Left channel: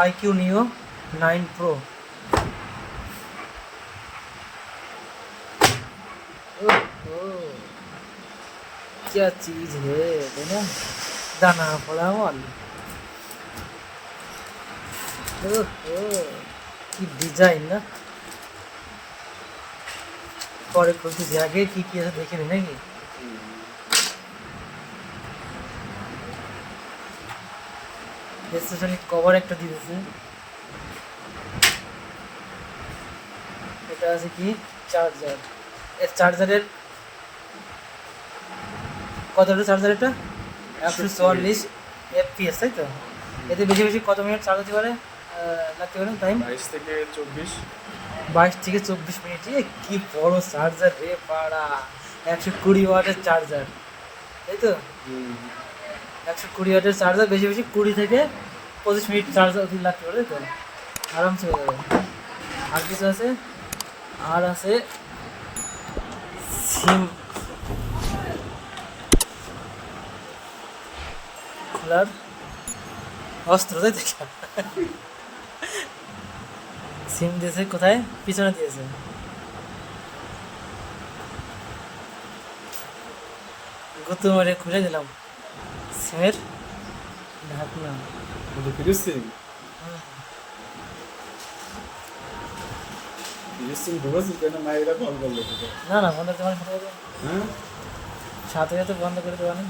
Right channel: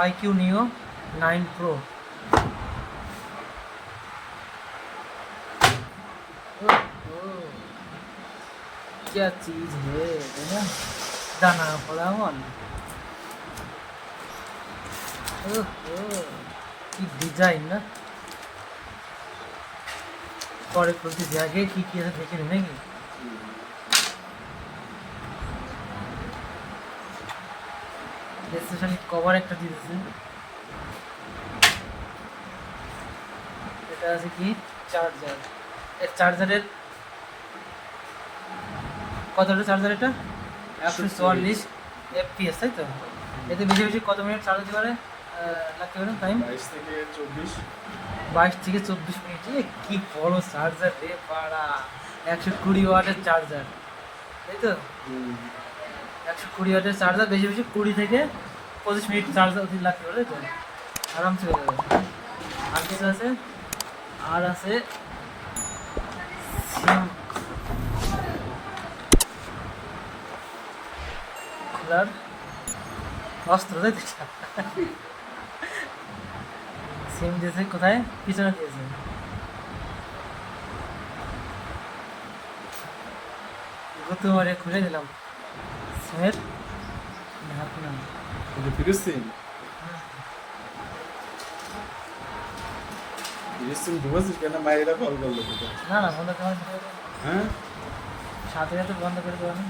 iQOO Neo 9 Pro। क्या चीज है दाना पड़ा वाली। কি ডিজাইন না, পরে প্রতি জায়গায় কি কি আছে দেখে নিই নাকি। স্পেশালি কভার একটা দিয়েছে। এটা আছে কি চার্জার, এর চার্জারের কতটা চার্জার, এটা 144 FPS, তাই তো? এতে বেশি বেশি কত মিনিট চার্জ দিতে পারে, লাগতে পারে টাইম? 22 থেকে 24। 22 থেকে 24 মিনিট। কি বড় চার্জার রে বাড়া, 120 ওয়াটের চার্জার, তাই তো? 120 ওয়াটের চার্জার, বেশি বেশি 20 থেকে 25 মিনিট চার্জ লাগতে পারে, তাই তো? আরামসে হয়ে যাবে। আর কিছু আছে, আর আছে সিম খোলার অস্ত্র, তাই তো? সিম দিয়েছে কোথায়, পিছনে দিয়েছে। গুতো মেরে খুলে দিলাম সিমের ঢাকনা। ফিরোজ সিম, ফিরোজ সিম ঢুকেছিস কেন? মায়েরা কল করলো তোকে? না না, বন্ধ তোমার হ্যাঁ, সাথে সাথে বন্ধ করে দেবো না।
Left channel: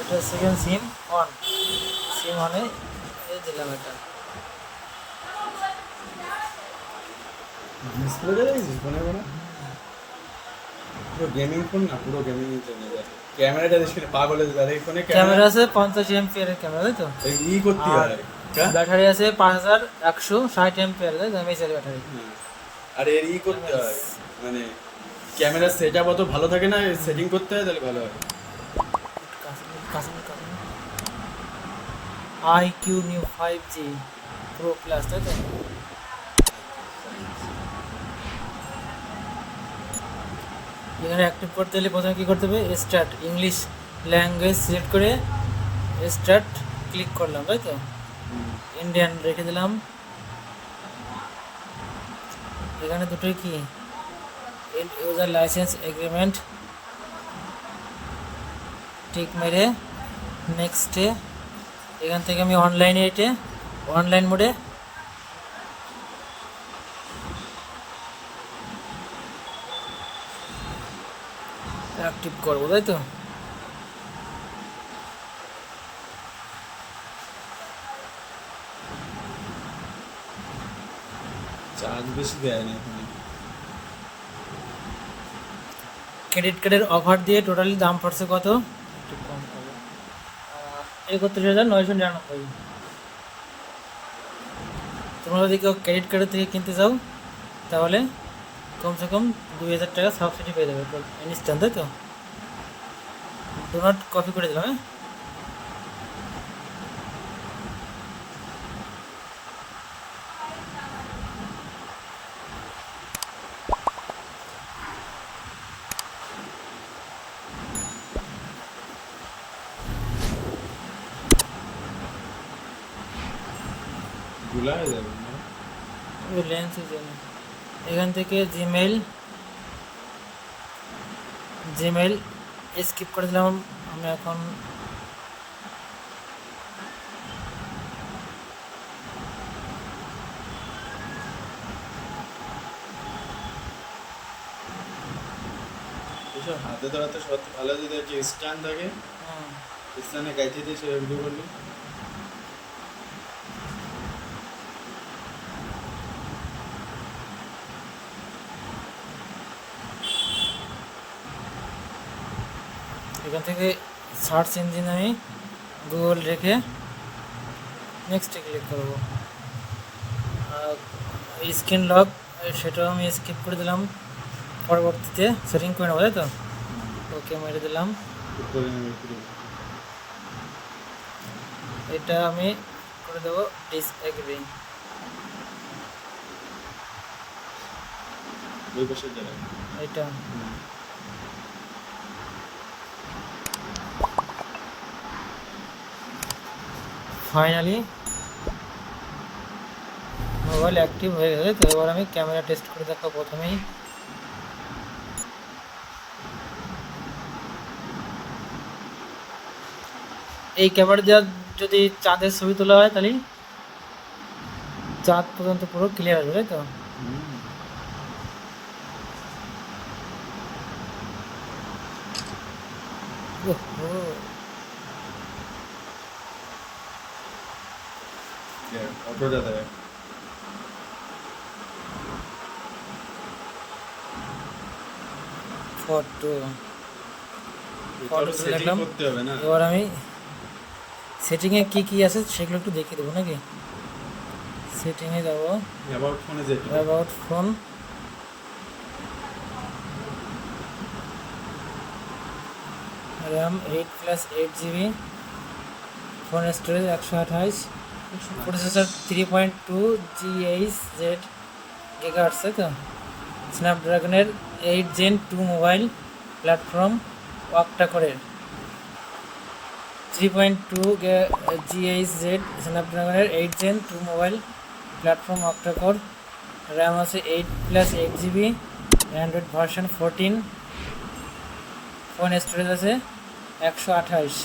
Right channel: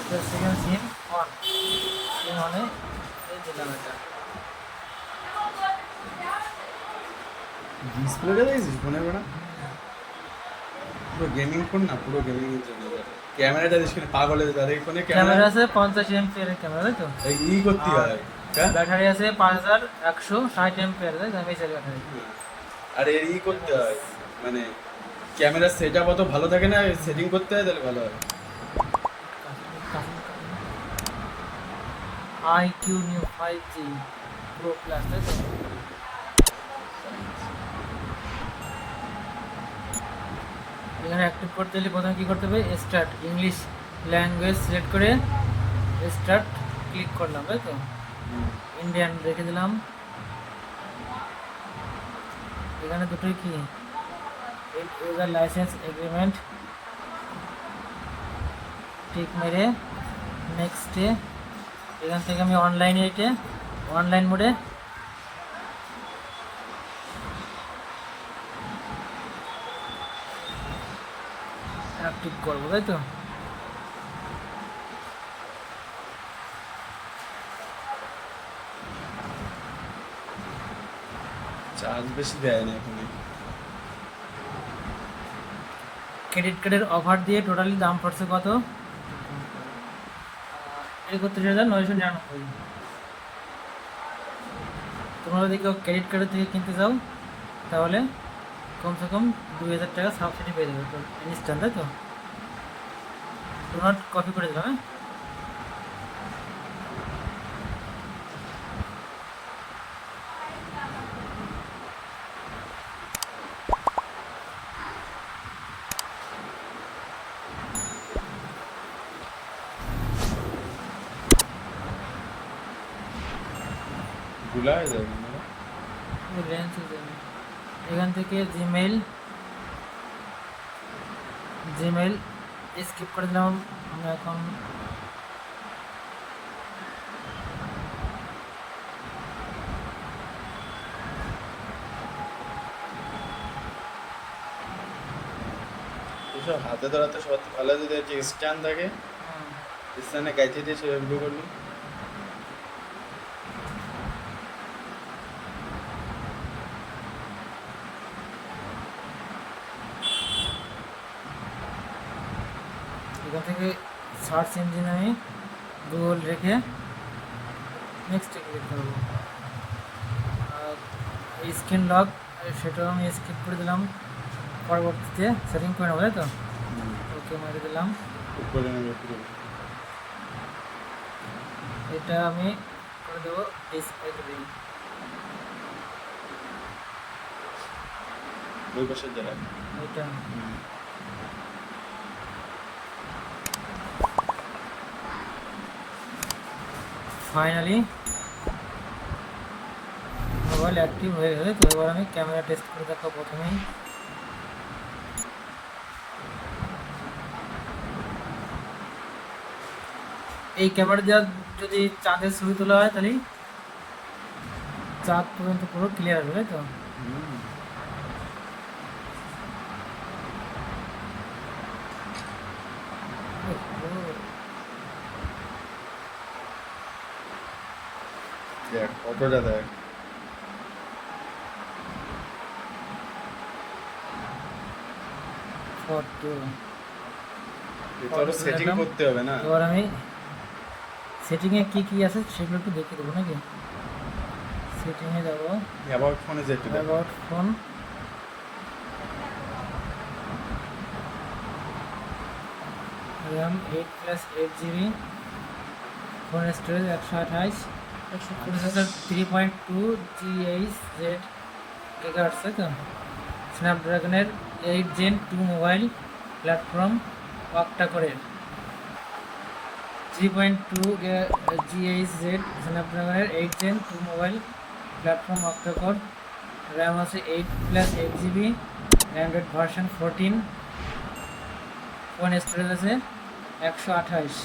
এটা সেকেন্ড সিম অন, সিম অনে দিলাম। এটা ডিসপ্লেটা দেখছিস ফোনে? না পুরো গেমিং ফোন না, পুরো গেমিং এর জন্য যাবে। ক্যামেরাটা দেখিস কেন? পাগলের ব্যাটারি ফোনে ক্যামেরা আছে 50 এমপিআর এর ক্যামেরা, তাই তো? ই করতে হয়। ব্যাটারি আছে 5160 এমপিআর, তাই তো? এমএএইচ এর ব্যাটারি। আর এর করতে হয়, মানে ক্যামেরার সেটআপ অত ভালো থাকে না, সেটিং করতে হয়, তাহলে ভালো হয়। iQOO Neo 5G Pro Plus, তাই তো? এখানে অ্যাক্টিভ করতে হলে প্রথমে কী করতে হবে, স্টার্ট ইংলিশ ল্যাঙ্গুয়েজ সিলেক্ট করে স্টার্ট ক্লিক করলাম, তাই তো? ইন্ডিয়ান রেখে দিলাম। এখানে দুটোই কি, ইউজার লাইসেন্স এগ্রিমেন্ট টিক মেরে নেক্সটে। এখান থেকে আমি অনলাইনে, এটা অনলাইন মোডে অ্যাক্টিভ করবো, তাই তো? চার্জ বেশি দেয় না এখন। ক্রেডিট কার্ডের অফার দিয়ে টোটালি দাম পড়ছে কত, 31,999। তোমরা যদি কেউ ক্রেডিট কার্ডের থেকে কিনতে চাও তাহলে কমসে কম 2000 টাকা সাবসিডি পেয়ে যাবে ইনস্ট্যান্ট, তাই তো? ডো নট কপি করে দিলাম। ভুলা যাবে না। এখান থেকে জিমেল স্কিপ করে দিলাম। এখন এসব হাতে ধরাতে সব ভালো, যদি একটা স্ক্যান থাকে স্ক্যানে গাইতে দিয়ে সে এমনি করলি। এখান থেকে সার্চ ইঞ্জিন আমি গুগল রেখে নেক্সটে ক্লিক করবো। আর স্ক্রিন লক সেটাও আমি স্কিপ করে দিলাম, পরবর্তীতে সেটিং করে নেবো, তাই তো? ওকে মেরে দিলাম। উপরে নেবে পুরো। এটা আমি করে দেবো ডিসএগ্রি। ওই পাশে যারা এটা ফাইনালি মোবাইল অ্যাক্টিভ হয়ে গেছে। তো এবার আমি ক্যামেরা টেস্ট করে দেখো প্রথমেই। এই ক্যামেরা দিয়ে যদি চাঁদের ছবি তোলা হয় তাহলে চাঁদ পর্যন্ত পুরো ক্লিয়ার হবে, তাই তো? দেখ কতটা দেখ। ফটো এটা তো সেটিং করতে হবে না? এবার আমি সেটিংয়ে কি কি আছে সেগুলো একটু দেখিয়ে দেবো নাকি। সেটিংয়ে যাবো, অ্যাবাউট ফোনে যেতে হবে। About phone, RAM 8+8 GB, phone storage 128, processor 3.2 GHz GHz, তো স্ন্যাপড্রাগনের 8 Gen 2 মোবাইল প্ল্যাটফর্ম ওয়াকটা করে 3.2 GHz স্ন্যাপড্রাগনের 8 Gen 2 মোবাইল প্ল্যাটফর্ম ওয়াকটা কোর, র্যাম আছে 8+8 GB, Android version 14, phone storage আছে 128।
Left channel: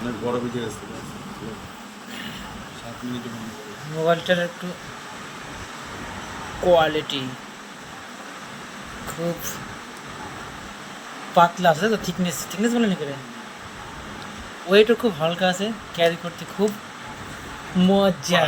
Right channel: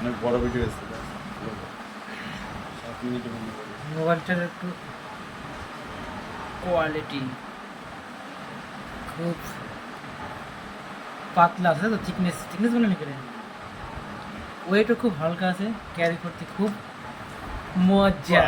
অনেক বড় ভিডিও এসছে 7 মিনিটে বন্ধ করে। মোবাইলটার একটু কোয়ালিটি খুব পাতলা আছে, তো থিকনেস বলে নি করে, ওয়েটও খুব হালকা আছে, ক্যারি করতে খুব মজা।